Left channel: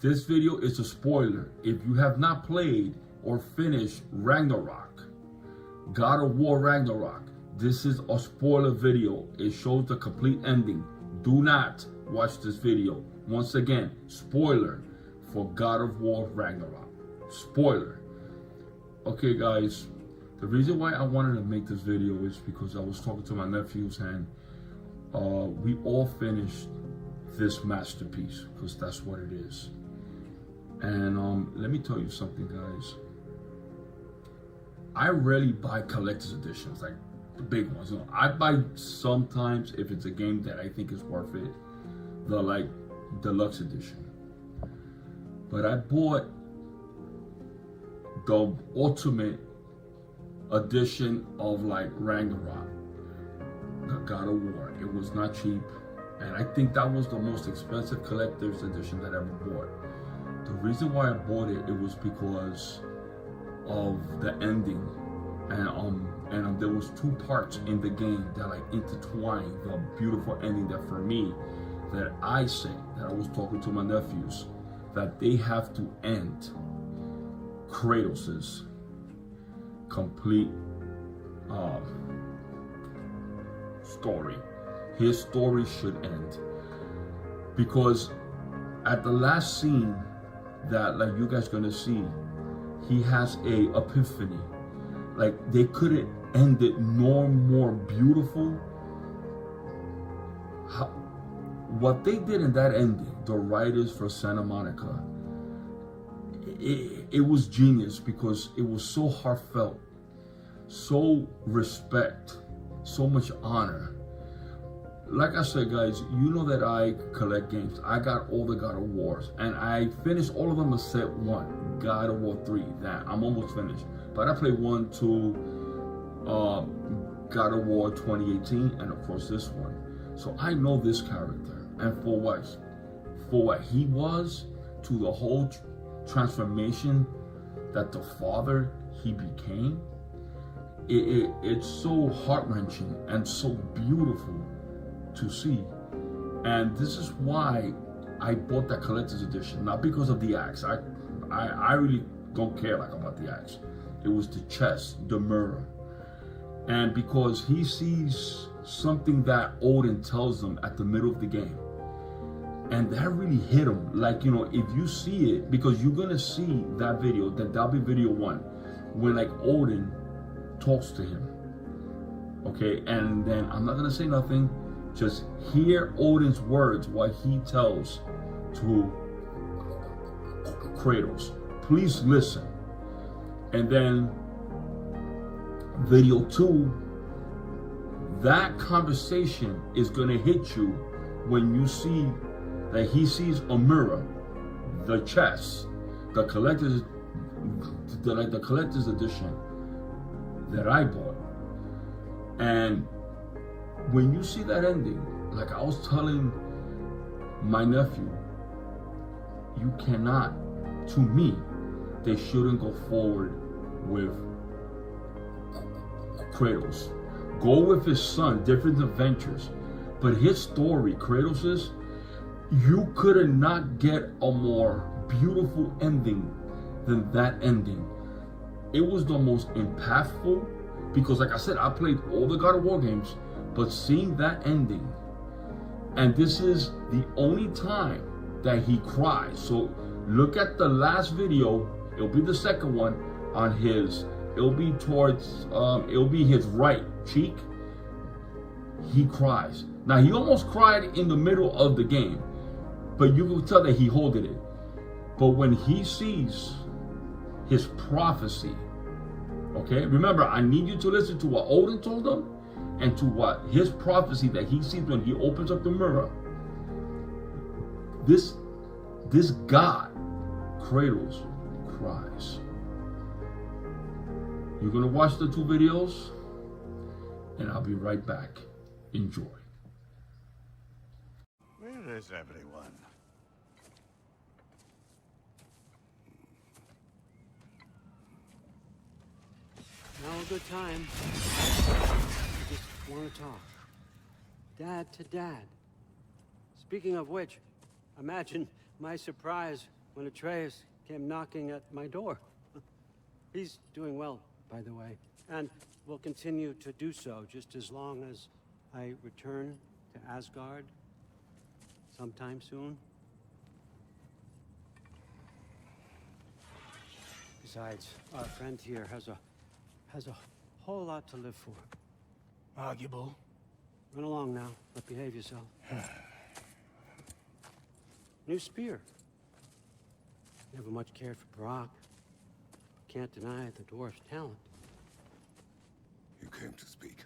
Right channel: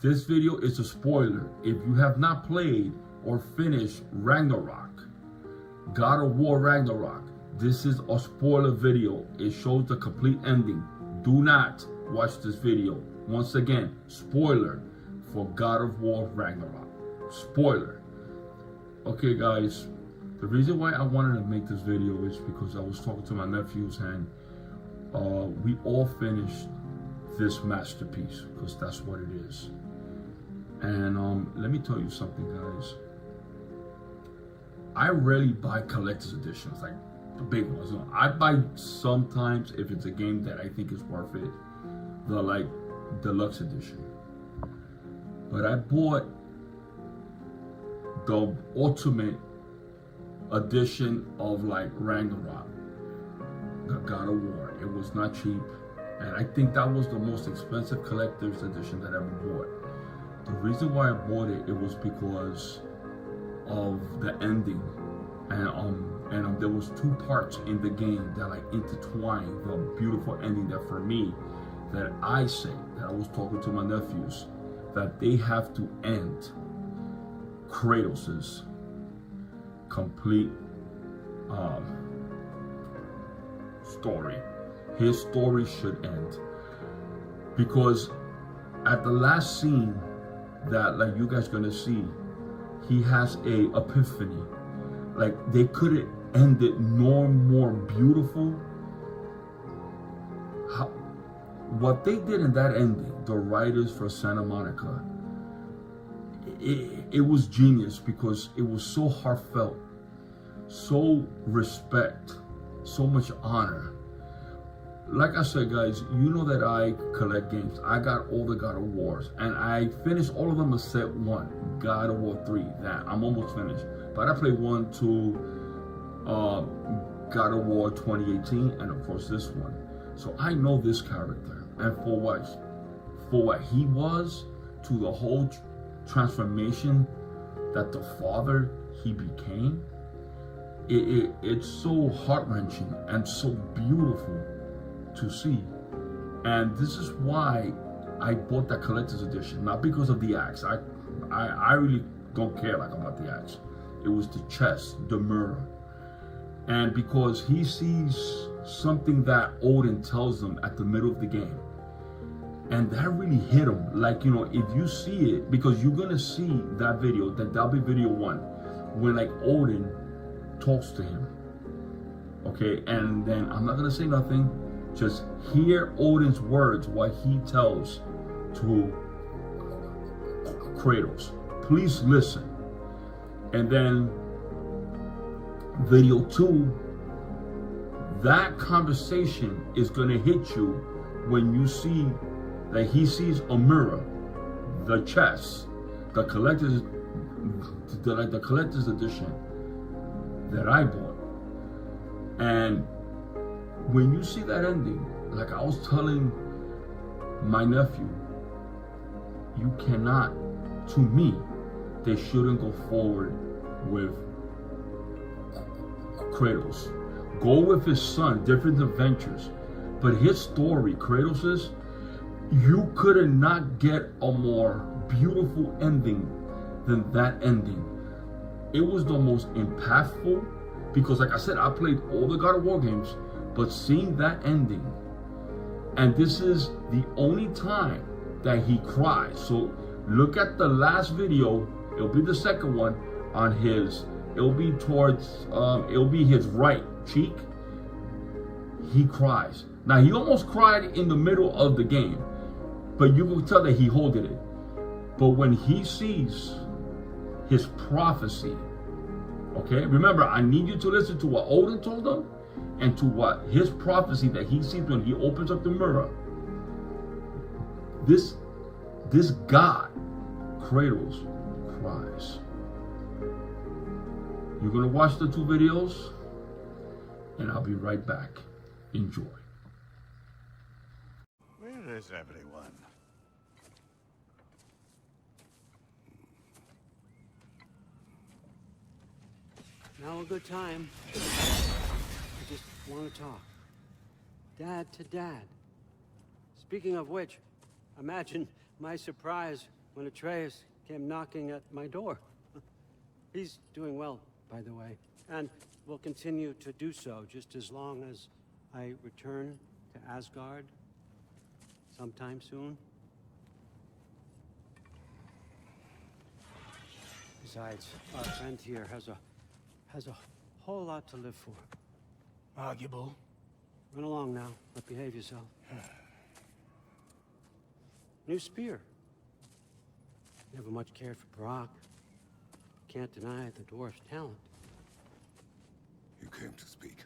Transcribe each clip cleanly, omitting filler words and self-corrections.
This video is a spoiler. If you have not played or finished Ragnarok, God of War Ragnarok, this is a spoiler video. It shows the complete ending. Do not watch this video. Once again, spoiler for God of War Ragnarok. Spoiler. Okay guys, the reason why I wanted to make this video is because I was talking to my nephews and we all finished this masterpiece, because that's what it is. And let me tell you something, guys. I rarely buy collector's editions, like the big ones. I buy sometimes if it's a game that I think is worth it, the like deluxe edition. But I bought the ultimate edition of like Ragnarok, the God of War. It was not cheap, and I think that was the most expensive collector's edition that I ever bought. The reason why I bought it, it was because of the ending, and there was two parts in the game that like intertwined the beautiful ending that for me, that I say, that I was talking to my nephews, that they have to end Kratos's complete story. His story should end, because at the last scene that like you guys gonna see, he has a epiphany. Like they couldn't end it no more beautiful. What they did in that ending, the writers for Santa Monica, it was genius, because it was so heartfelt, so respect, so much honor. Like I said, guys, you know that I collect games. I got all the God of Wars, and I finished all of them except one, God of War 3. Nah, I'm almost finished. But I played 1, 2, God of War 2018, and of course this one. So I know this character, and for what he was, to the whole transformation that the father he became. It's so heart-wrenching and so beautiful to see. And this is why I bought the collector's edition, not because of the axe. I really don't care like about the axe. It was the chest, the mirror, and because he sees something that Odin tells him at the middle of the game, and that really hit him. Like, you know, if you see it, because you're gonna see that video, that'll be video 1, when like Odin talks to him, okay? And then I'm not gonna say nothing, just hear Odin's words while he tells to Kratos. Please listen. And then video 2, that conversation is gonna hit you when you see that he sees a mirror, the chest, the collector's edition that I bought. And when you see that ending, like I was telling my nephew, you cannot, to me, they shouldn't go forward with Kratos. Go with his son, different adventures. But his story, Kratos's, you could not get a more beautiful ending than that ending. It was the most impactful, because like I said, I played all the God of War games, but seeing that ending, and this is the only time that he cries. So look at the last video, it'll be the second one on his, it'll be towards, it'll be his right cheek. He cries. Now he almost cried in the middle of the game, but you can tell that he holded it. But when he sees his prophecy, okay, remember, I need you to listen to what Odin told him and to what his prophecy that he sees when he opens up the mirror. This God, Kratos, cries. You're gonna watch the 2 videos, and I'll be right back. Enjoy. Where is everyone? Now a good time. I just want to talk. Dad to Dad. Speaking of which, imagine my surprise when Atreus came knocking at my door. He's doing well, by the way, and will continue to do so just as long as I return to Asgard sometime soon. Besides, our friend here has a whole lot to live for. Arguable. Run along now, but behave yourself. New spear. Never much cared for Brock. Can't deny the dwarf's talent. You came to speak.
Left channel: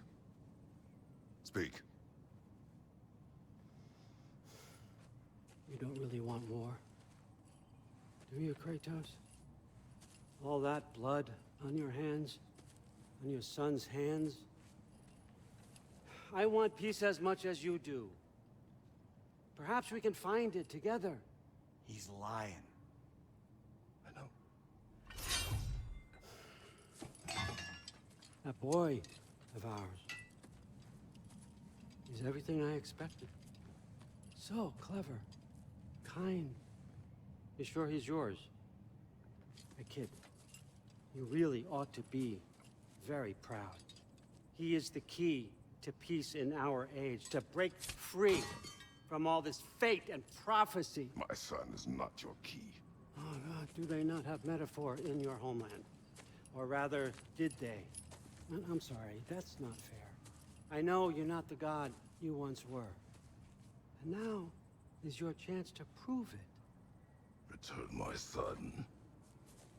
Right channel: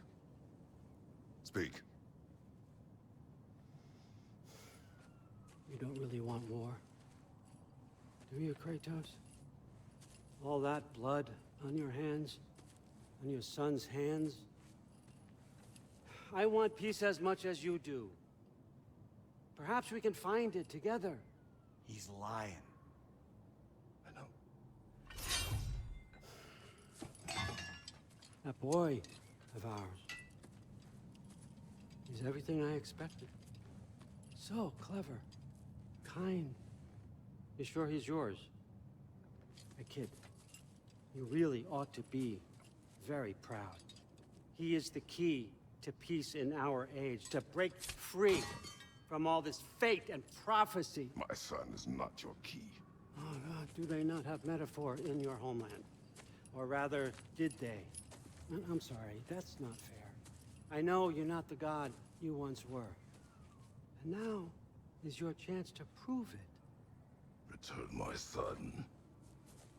Speak. You don't really want war, do you, Kratos? All that blood on your hands, on your son's hands. I want peace as much as you do. Perhaps we can find it together. He's lying. I know. That boy of ours. He's everything I expected. So clever, kind. You sure he's yours? Hey, kid, you really ought to be very proud. He is the key to peace in our age, to break free from all this fate and prophecy. My son is not your key. Oh, God, do they not have metaphor in your homeland? Or rather, did they? I'm sorry, that's not fair. I know you're not the god you once were. And now is your chance to prove it. Return my son,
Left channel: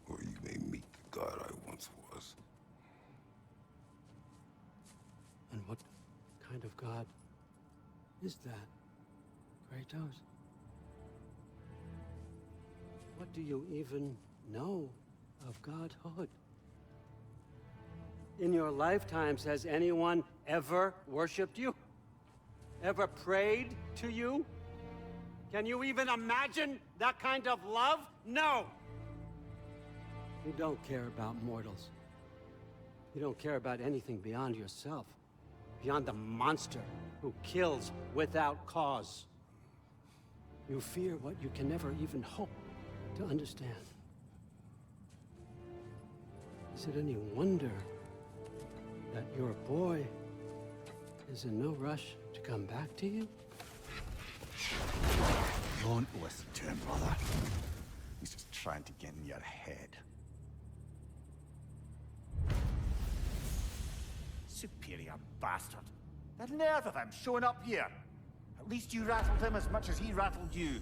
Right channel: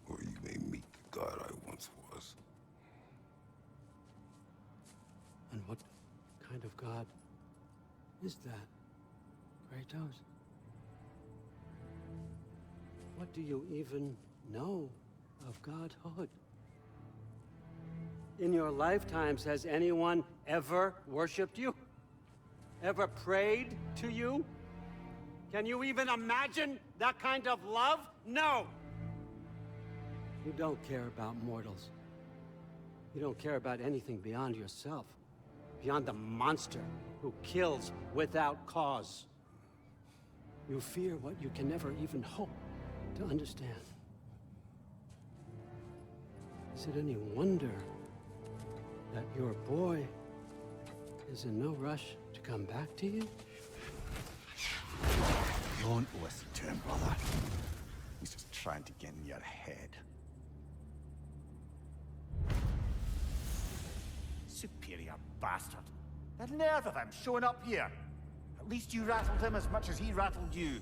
or you may meet the god I once was. And what kind of god is that, Kratos? What do you even know of godhood? In your lifetimes, has anyone ever worshipped you? Ever prayed to you? Can you even imagine that kind of love? No! You don't care about mortals. You don't care about anything beyond yourself. Beyond the monster who kills without cause. You fear what you can never even hope to understand. Is it any wonder that your boy is in no rush to come back to you? Don't listen to him, brother. He's just trying to get in your head. Superior bastard. The nerve of him showing up here. At least you rattled him as much as he rattled you.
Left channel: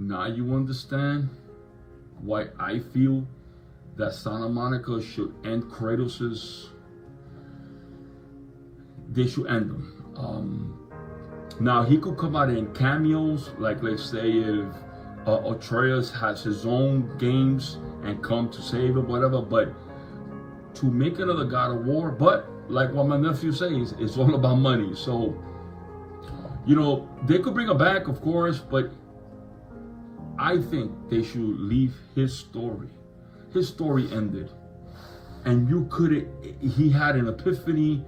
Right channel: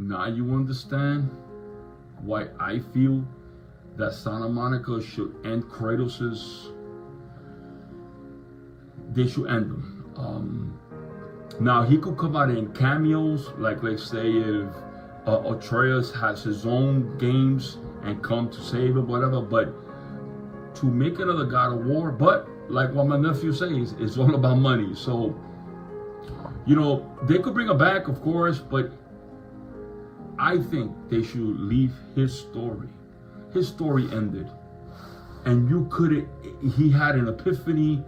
Now you understand why I feel that Santa Monica should end Kratos's. They should end them. Now he could come out in cameos, like let's say if Atreus has his own games and come to save him, whatever. But to make another God of War, but like what my nephew says, it's all about money. So, you know, they could bring him back, of course, but I think they should leave his story. His story ended. And you couldn't, he had an epiphany.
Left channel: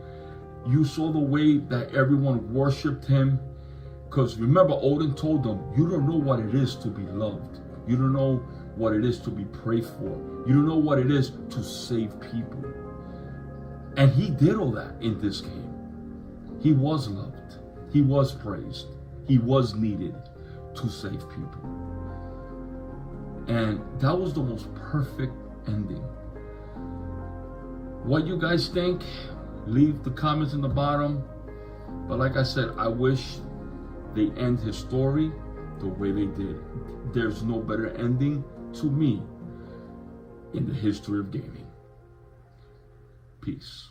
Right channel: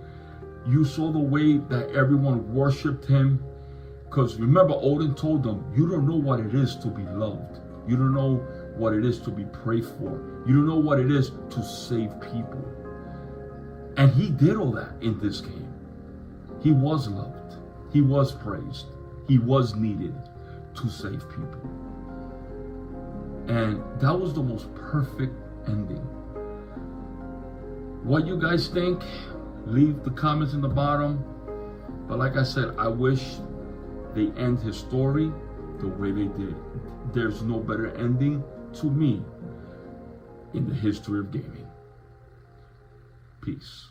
You saw the way that everyone worshipped him. Because remember, Odin told them, you don't know what it is to be loved. You don't know what it is to be prayed for. You don't know what it is to save people. And he did all that in this game. He was loved. He was praised. He was needed to save people. And that was the most perfect ending. What you guys think? Leave the comments in the bottom. But like I said, I wish they end his story the way they did. There's no better ending to me in the history of gaming. Peace.